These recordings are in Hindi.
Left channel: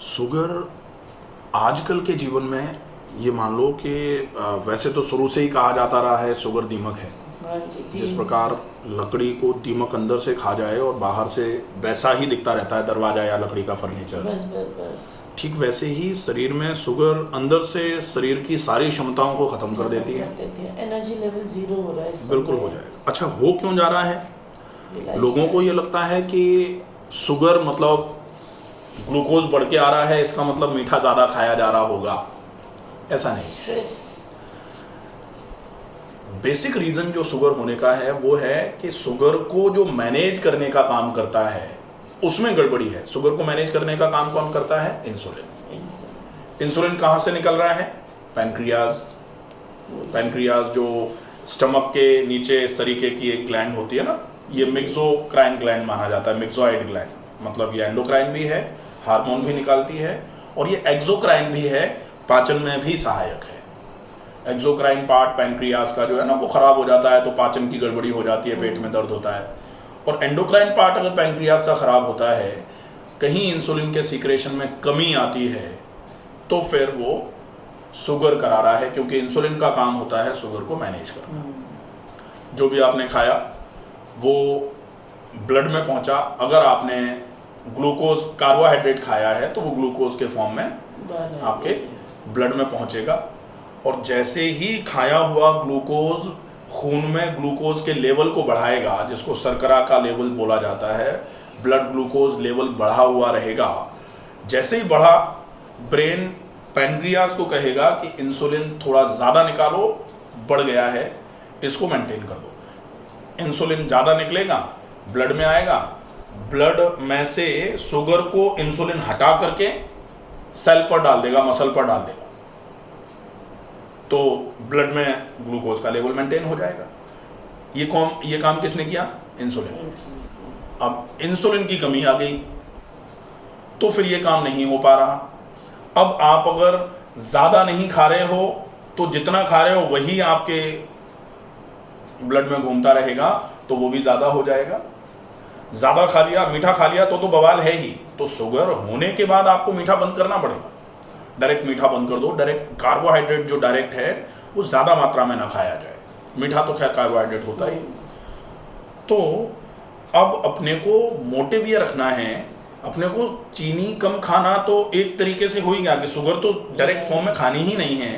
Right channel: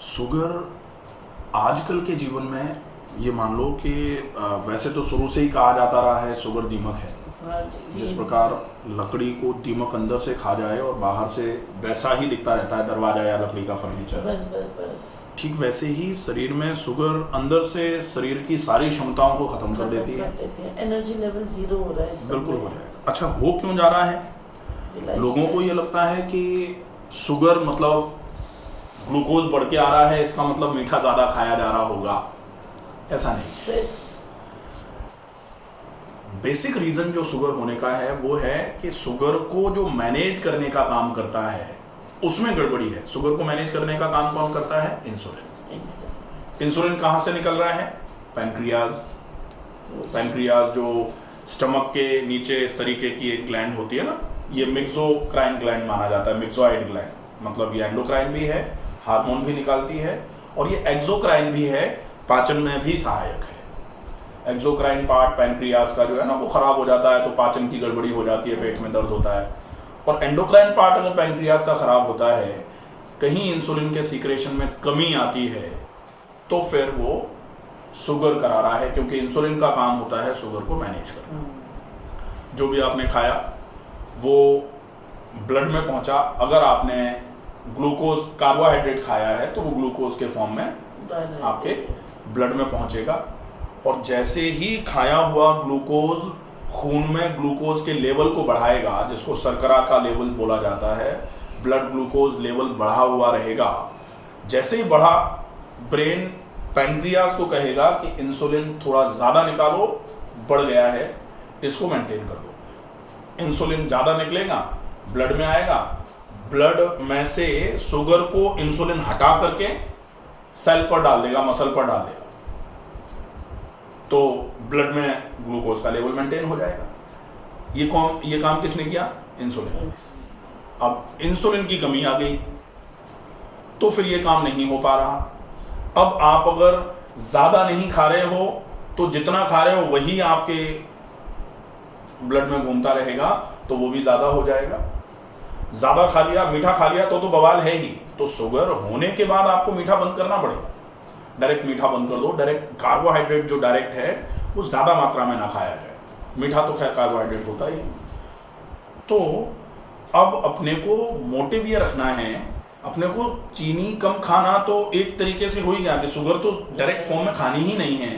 शुगर आजकल के जीवन में ये मान लो कि वैसे तो शुरू से ही कहा जाता रहा है शुगर दीमक है। हाँ जी जिस जी। प्रकार लकड़ी को दीमक अंदर से खा जाए और बाहर से वैसा ही दिखता रहता है दरवाजा या लकड़ी का फर्नीचर, बस बस बस ठीक वैसे ही शरीर में शुगर अंदर से शरीर की सारी क्षमताओं को खत्म कर देती है। एनर्जी लेवल जीरो हो रहा है इस बिल्कुल समय। हो जाएगा। अच्छा, हो क्यों जा रहा है? Lifestyle। लोगों को ये लगता है कि शुगर मतलब ग्लूकोज बढ़ के आ रहा है, इसका मतलब मीठा ज़्यादा खाया जा रहा होगा। ऐसा नहीं। स्ट्रेस। बेसिक रीज़न जो शुगर होने का है वो है कि शुगर को जो मैनेज करने का काम करता है उसमें गड़बड़ी है। शुगर को मैनेज करने का काम कौन करता है? इंसुलिन। इंसुलिन कहाँ से निकल रहा है? पैनक्रियाज। पैनक्रियाज जो स्टमक के नीचे इस तरीके की एक ग्लैंड होती है ना, ये मिक्सोक्राइन ग्लैंड माना जाता है। मिक्सोइड ग्लैंड मतलब ये एंडोक्राइन भी है, हार्मोन भी निकालती है, और ये एक्सोक्राइन भी है, पाचन में भी सहायक है। एक्सोक्राइन पार्ट पैनक्रियाज का जो है ना वो खराब हो जाता है तो पाचन की गड़बड़ी हो जाती है, पेट में दर्द होता है। और एंडोक्राइन पार्ट अगर पैनक्रियाज का खराब होता है, कहीं इंसुलिन के सीक्रेशन में कमी आती है, तो फिर वो शुगर करा रहा है, क्योंकि इंसुलिन का काम होता है शुगर को मैनेज करना। जो भी आपने खाया वो ब्लड में पहुंचा। अगर आपने ग्लूकोज कार्बोहाइड्रेट खाया है तो वो ग्लूकोज के फॉर्म में आपके ब्लड में पहुंचेगा, और जैसे ही खाया हुआ ग्लूकोज खून में ग्लूकोज के लेवल को बढ़ाएगा, जिसको शर्करा का लेवल बोला जाता है, ब्लड ग्लूकोज लेवल बढ़ा हुआ रहेगा। जैसे ही बढ़ा, ब्रेन पैनक्रियाज को कहेगा कि इंसुलिन थोड़ा ज़्यादा निकालो, बढ़ गया है, इसको मेंटेन कर दो। इंसुलिन ज़्यादा निकलेगा, ब्लड में आएगा, ब्लड में से शुगर को इंसुलिन हटा करके सेल पर डाल देगा, मसल पर डाल देगा, तो ब्लड में ग्लूकोज का लेवल मेंटेन हो जाएगा। ये काम किसने किया? इंसुलिन ने। अब इंसुलिन की कमी आ गई तो फिर ये काम नहीं हो पा रहा। अब आप अगर ज़्यादा नहीं खा रहे हो तो जितना खा रहे हो वही आपके ब्लड में घूमता रहेगा, तो वो भी ज़्यादा हो जाएगा। ज़्यादा खा लिया, मीठा खा लिया तो बवाल है ही। तो शुगर होने के बाद आपको मीठा बंद करना पड़ेगा। डायरेक्ट मीठा बंद कर दो। डायरेक्ट कार्बोहाइड्रेट जो डायरेक्ट है वो ज़्यादा मात्रा में ना खाया जाए। मीठा तो खैर कार्बोहाइड्रेट होता ही। तो अब अपने को मोटिव ये रखना है, अपने को चीनी कम खाना तो एक तरीके से हो ही गया कि शुगर तो डायरेक्ट फॉर्म में खानी ही नहीं है,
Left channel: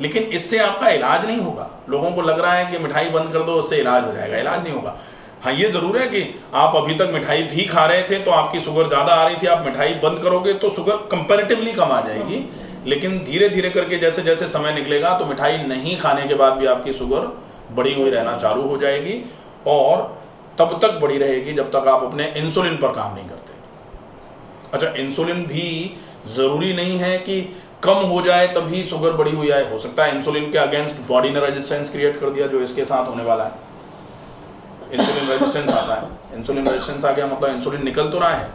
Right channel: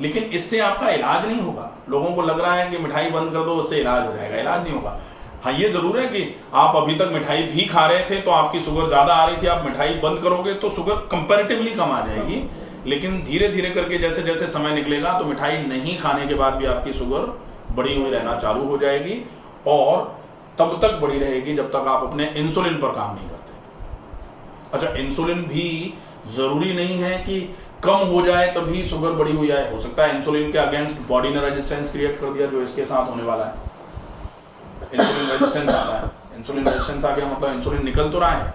लेकिन इससे आपका इलाज नहीं होगा। लोगों को लग रहा है कि मिठाई बंद कर दो उससे इलाज हो जाएगा। इलाज नहीं होगा। हाँ, ये ज़रूर है कि आप अभी तक मिठाई भी खा रहे थे तो आपकी शुगर ज़्यादा आ रही थी, आप मिठाई बंद करोगे तो शुगर कंपैरेटिवली कम आ जाएगी, लेकिन धीरे धीरे करके जैसे जैसे समय निकलेगा तो मिठाई नहीं खाने के बाद भी आपकी शुगर बढ़ी हुई रहना चालू हो जाएगी, और तब तक बढ़ी रहेगी जब तक आप अपने इंसुलिन पर काम नहीं करते। अच्छा, इंसुलिन भी ज़रूरी नहीं है कि कम हो जाए तभी शुगर बढ़ी हुई आए। हो सकता है इंसुलिन के अगेंस्ट बॉडी ने रेजिस्टेंस क्रिएट कर दिया, जो इसके साथ होने वाला है। इंसुलिन रेजिस्टेंस आता है। इंसुलिन रेजिस्टेंस आ गया मतलब इंसुलिन निकल तो रहा है,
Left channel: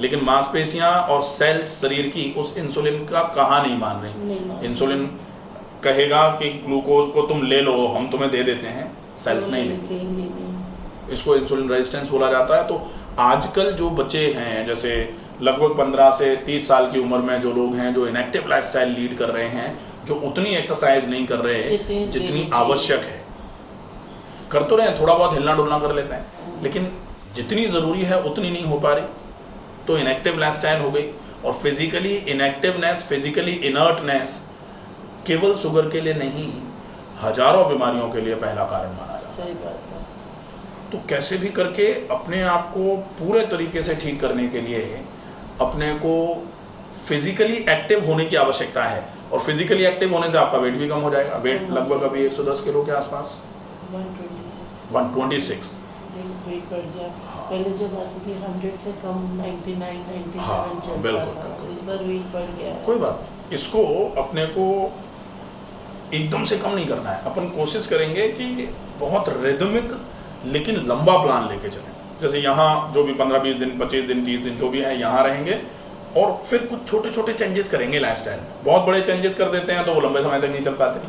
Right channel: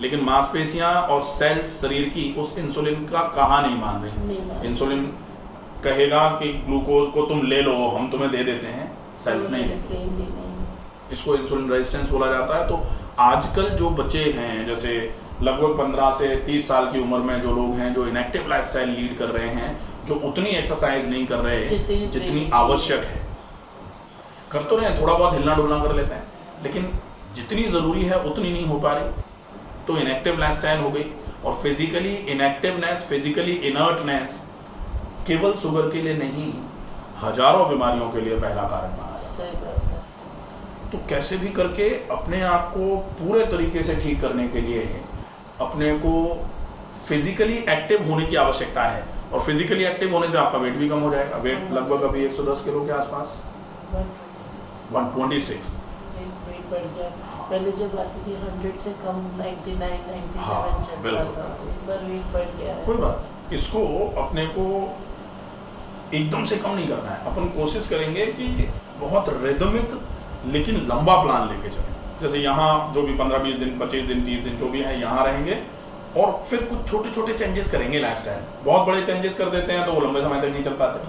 लेकिन मांसपेशियां और सेल्स शरीर की उस इंसुलिन का कहा नहीं मान रही। इंसुलिन कहेगा कि ग्लूकोज को तुम ले लो, हम तुम्हें दे देते हैं, सेल्स नहीं लेंगे। इसको इंसुलिन रेजिस्टेंस बोला जाता है। तो आजकल जो बच्चे हैं, जैसे लगभग 15 से 30 साल की उम्र में जो लोग हैं, जो इनएक्टिव लाइफस्टाइल लीड कर रहे हैं, जो उतनी एक्सरसाइज नहीं कर रहे जितनी आवश्यक है, कर तो रहे हैं, थोड़ा बहुत हिलना डुलना कर लेते हैं, लेकिन जितनी ज़रूरी है उतनी नहीं हो पा रही, तो इनएक्टिव लाइफस्टाइल हो गई। और फिजिकली इनएक्टिवनेस, फिजिकली इनर्टनेस केवल शुगर के लिए नहीं, हजारों बीमारियों के लिए पहला कारण माना जाता है। तो कैसे भी करके अपने आप को पूरे तरीके से ठीक करने के लिए अपने को फिजिकली एक्टिव होने की आवश्यकता है, और फिजिकली एक्टिव होने से आपका वेट भी कम हो जाएगा। वेट लगभग अभी 110 किलो के आसपास, 126। पहले जब आती थी 100 से कम 99, 97 चलता बिल्कुल। इस बार वेट बढ़ गया। कोई बात नहीं, इसको अपने को एकदम से कम नहीं करना है। अपन कोशिश करेंगे कि बहुत रिदमिक लेकिन लंबा प्लान लेके चलें। जैसे यहाँ जो भी 15-20 दिन, 25 दिन, 30 दिन जो भी है यहाँ रहेंगे, और फिर कुछ छोटे छोटे चेंजेस करेंगे लाइफस्टाइल में। बहुत बड़े चेंजेस कर देते हैं तो वो लंबे समय तक नहीं चल पाते,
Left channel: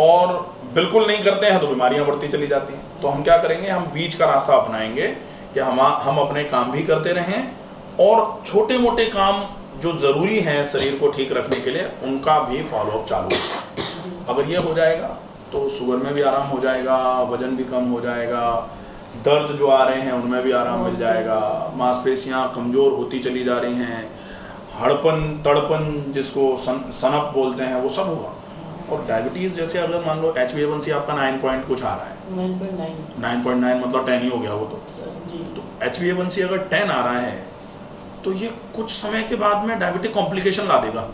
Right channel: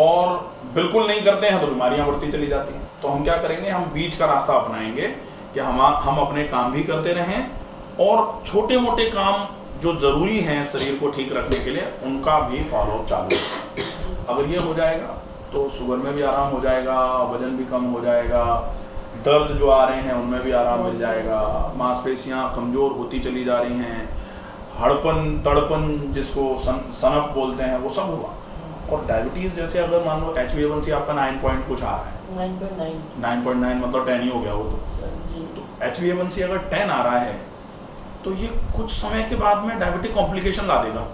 और बिल्कुल नहीं करते हैं तो बीमारियां बढ़ती चली जाती हैं। तो हम क्या करेंगे, हम बीच का रास्ता अपनाएंगे कि हम अपने काम भी करते रहें और छोटे मोटे काम जो ज़रूरी हैं शरीर को ठीक रखने के लिए, उनका भी फॉलोअप चालू है। अगर ये हो जाएगा तो शुगर में भी आराम हो जाएगा, वजन भी कम हो जाएगा, दर्द जो आ रहे हैं उनमें भी आराम मिल जाएगा, मांसपेशियां कमज़ोर होती चली जा रही हैं, हड़पन तड़पन जिसको सनप बोलते हैं वो सब होगा। और डायबिटीज़ जैसे अगर मान लो HbA1c आपका 9 पॉइंट कुछ आ रहा है, 9.9 मतलब 10 ही हो गया वो तो HbA1c अगर 10 आ रहा है तो ये कुछ समय के बाद में डायबिटिक कॉम्प्लिकेशन ला देगा।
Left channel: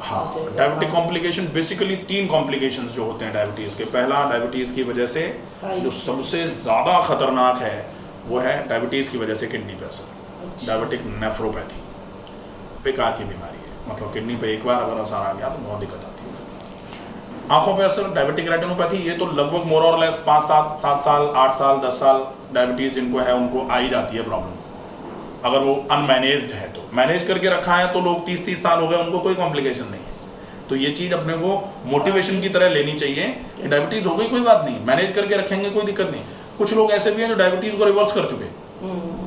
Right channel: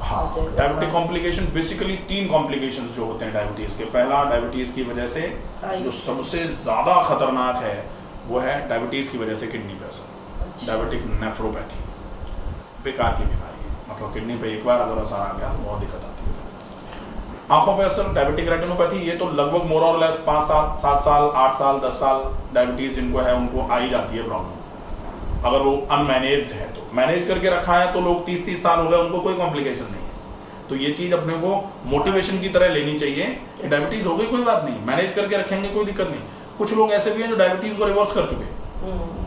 हाँ, डायबिटिक कॉम्प्लिकेशन बेसिकली 3 कॉम्प्लिकेशंस जो होते हैं डायबिटीज़ के। पहला, डायबिटीज़ की वजह से जो सबसे ज़्यादा खतरनाक है वो है डायबिटीज़ की वजह से किडनी पे असर, डायबिटिक नेफ्रोपैथी, बेकार की बीमारी है, मतलब किडनी पे एक बार अगर असर आ गया तो बहुत दिक्कत आती है। आंखों पे असर, डायबिटिक रेटिनोपैथी, ये तो लगभग मोर और लेस 5 7 साल 8 साल 10 साल डायबिटीज़ जिनको है उनको आ ही जाती है प्रॉब्लम, अगर वो अनमैनेज्ड है तो। मैनेज करके रखा है तो लोग 30 साल हो गए उनको कोई कॉम्प्लिकेशन नहीं है। तो ये चीज़ अपने को मोटिवेशन की तरह लेनी चाहिए कि डायबिटीज़ हो गई कोई बात नहीं, मैनेज करके रखेंगे कोई दिक्कत नहीं। कुछ लोग ऐसे भी हैं जो डायबिटीज़ को रिवर्स कर चुके हैं।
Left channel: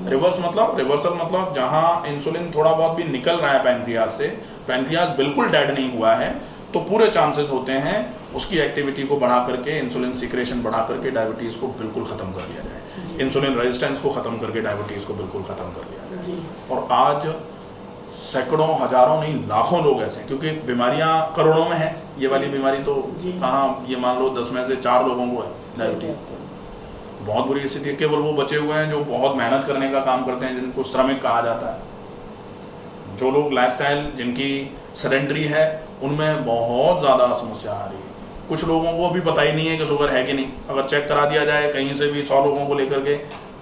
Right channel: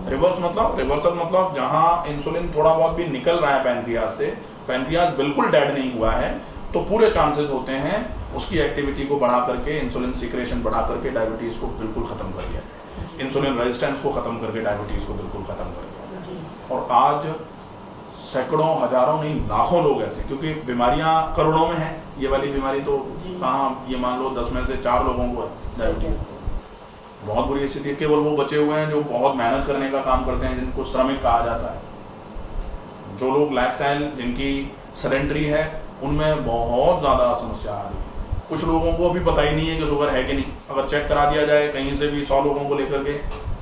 रिवर्सल मतलब जहाँ इंसुलिन थोड़ा बहुत भी निकल रहा है पैनक्रियाज से, पैनक्रियाज बिल्कुल डेड नहीं हुआ है, तो पूरे चांसेस होते हैं उसकी एक्टिविटी को बढ़ा करके, इंसुलिन सिक्रेशन बढ़ा करके डायबिटीज़ को बिल्कुल ख़त्म कर दिया जाए, इंसुलिन रेजिस्टेंस को ख़त्म करके डायबिटीज़ को बिल्कुल ख़त्म कर दिया जाए। और आज सैकड़ों हजारों नहीं लाखों लोग ऐसे, क्योंकि बीमारियां करोड़ों में हैं, ये वाली बीमारी तो कहाँ, ये मान लो 10 में से 4 लोगों को है डायबिटीज़। बहुत बुरी स्थिति है। केवल वो बचे हुए हैं जो बहुत मेहनत करने का काम करते हैं, जिनको श्रमिक कहा जाता है। जो लोग लाइफस्टाइल जिनकी सेडेंटरी है उनमें बहुत ज़्यादा समस्या आ रही है। कुछ लोगों को अभी पता ही नहीं है कि शुगर है कि नहीं। अगर चेक करा दिया जाए कहीं से भी 100 लोगों को लेकर के,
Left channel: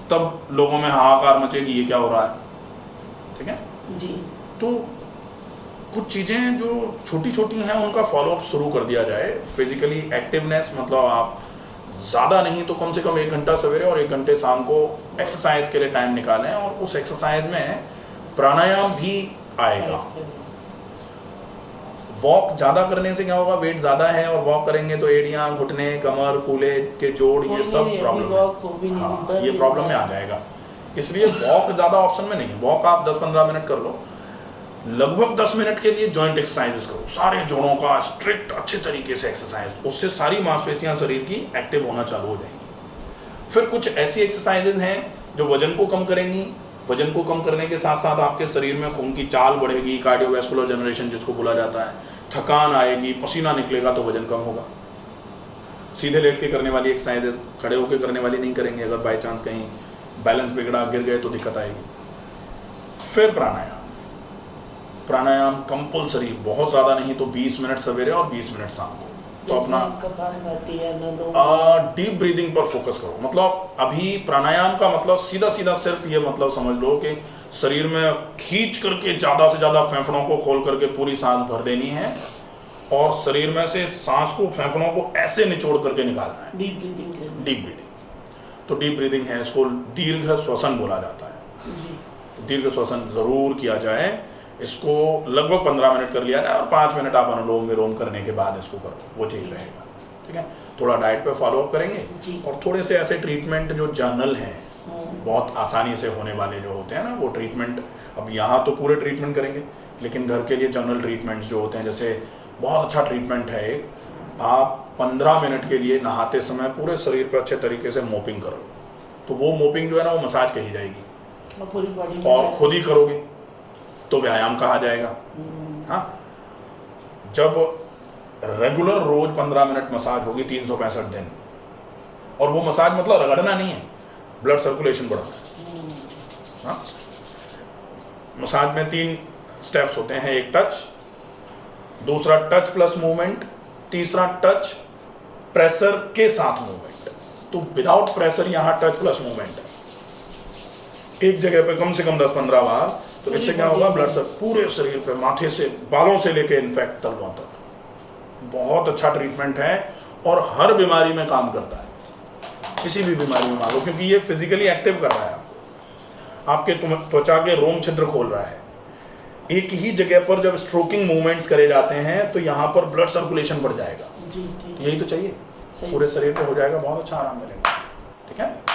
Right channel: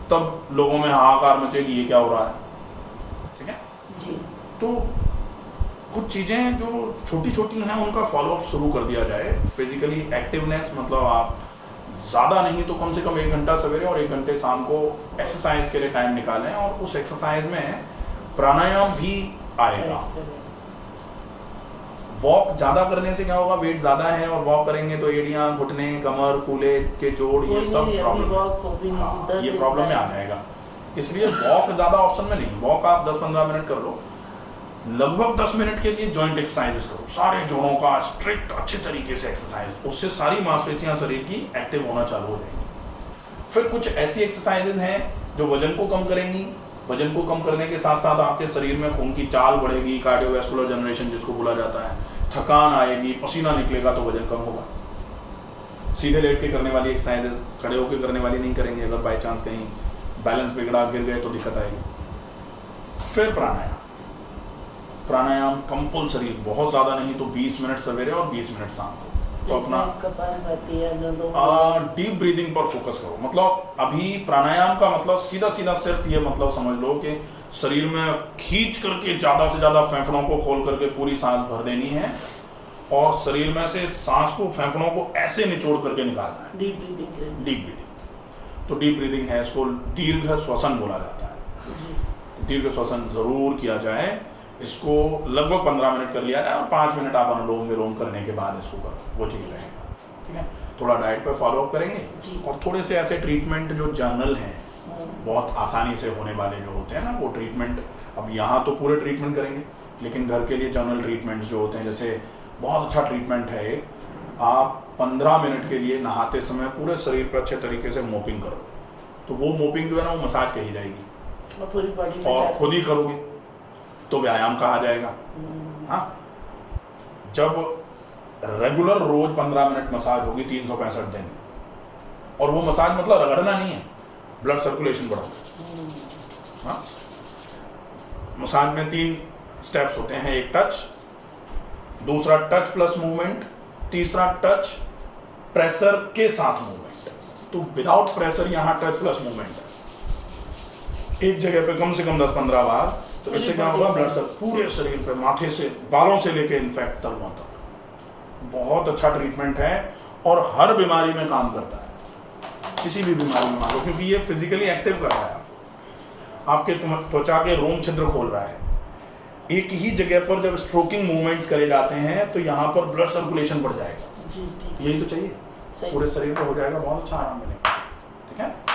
तब लोगों में हाहाकार मचेगी, ये क्या हो रहा है। ठीक है जी। तो कुछ चीज़ें जो छोटी छोटी हैं उनका फॉलोअप शुरू कर दिया जाए। फिजिकली एक्टिवनेस मतलब आप ज़्यादा नहीं तो कम से कम 1 घंटा सवेरे और 1 घंटे शाम को एक्सरसाइज के लिए टाइम निकालें, और उस एक्सरसाइज में प्राणायाम भी आएगा। वॉक ज़्यादा करने से क्या होगा, वेट ज़्यादा है और वॉक करेंगे तो एड़ियाँ, घुटने, कमर, कूल्हे के जोड़, ये सब प्रॉब्लम है। हाँ, ये प्रॉब्लम में आ जाएगा। इसलिए वॉक ज़्यादा ऑप्शन में नहीं। वॉक आप 10-15 मिनट कर लो, लगभग 10 मिनट के लिए जॉइंट एक्सरसाइज करो, सारे जोड़ों का स्ट्रिक्ट अच्छे तरीके से एक्सरसाइज, उससे सारी मांसपेशियां शरीर की एक्टिव होना चालू हो जाएंगी। फिर कुछ ऐसी एक्सरसाइजेज हैं जो वजन को कम करेंगी। वजन को कम करने के साथ साथ आपके शरीर में खून की चाल बढ़ेगी, कार्डियोवैस्कुलर जनरेशन जिसको बोला जाता है, थकान आएगी, पसीना निकलेगा तो वजन कम होगा। सीधे लेट के करने वाली एक्सरसाइजेज खड़े होकर करने वाली नहीं करेंगे, अगर बाई चांस कहीं बैलेंस बिगड़ा, गिर गए तो दिक्कत आएगी। फिर प्राणायाम कंपल्सरी, बहुत ज़्यादा नहीं तो 20 मिनट सवेरे और 20 मिनट शाम को। तो अपना डीप ब्रीदिंग पर फोकस करो। मतलब अभी प्राणायाम का मतलब सीधा सीधा सिर्फ ये मतलब समझ लो कि शरीर में खींच करके ज़्यादा से ज़्यादा फेफड़ों को खोल करके पूरी सांस भर देनी है, और शरीर में से सांस को, फेफड़ों को ऐसे निचोड़ करके निकालना है। Deep breathing. तो डीप ब्रीदिंग है, इसको दीर्घ श्वसन बोला जाता है। दीर्घ श्वसन जरूर किया जाए। इसको लगभग 15 मिनट कर लिया जाए और 5 मिनट आप अनुलोम विलोम करने के बाद इसको करो, वो ठीक रहेगा। ठीक है, थोड़ा डाइट पे फॉलोअप करेंगे, और थोड़े से ऐसे ट्रीटमेंट जो जनरल हैं, बहुत आसानी से होने वाले जो होते हैं ना, वो ट्रीटमेंट, अब यहाँ तो पूरे ट्रीटमेंट करेंगे, लेकिन घर के लिए जनरल ट्रीटमेंट्स जो होते हैं, जैसे बहुत अच्छा ट्रीटमेंट है एक, आप 15 मिनट के लिए नहाते समय पूरे शरीर पर अच्छे तरीके से मोपिंग करो। तो वो मोपिंग जो है ना, वो मसाज कही जाएगी, और खुद ही करोगे तो व्यायाम कहा जाएगा। हाँ, जब रेगुलर रोज 15 मिनट मसाज होगी 365 दिन, और वो मसाज मतलब रगड़ना नहीं है, ब्लड सर्कुलेशन बढ़ाना। हाँ, मसाज में 3 स्टेप्स होते हैं, एक टच, दूसरा टच प्लस मूवमेंट, तीसरा टच प्रेशर के साथ मूवमेंट। तो विदाउट प्रेशर यहाँ टच प्लस मूवमेंट है, एक जगह पे कम से कम 10-15 बार। तो इससे क्या होगा, ब्लड सर पूरे शरीर पे, माथे से, बालों से लेके इनफैक्ट तलवों तक, बहुत अच्छा ट्रीटमेंट है और हर बीमारी में काम करता है। किसी भी बीमारी में मान लो, क्योंकि ये फिजिकली एक्टिव कर रहा है आपको, आपके त्वचा के रोम छिद्र खोल रहा है। एक ही जगह पर जब स्ट्रोकिंग मूवमेंट्स करे जाते हैं तो यहाँ पर ब्लड सर्कुलेशन बढ़ जाएगा। यही तो चाहिए, पूरे शरीर को हो जाएगा, बहुत अच्छा आराम मिलेगा। ठीक है।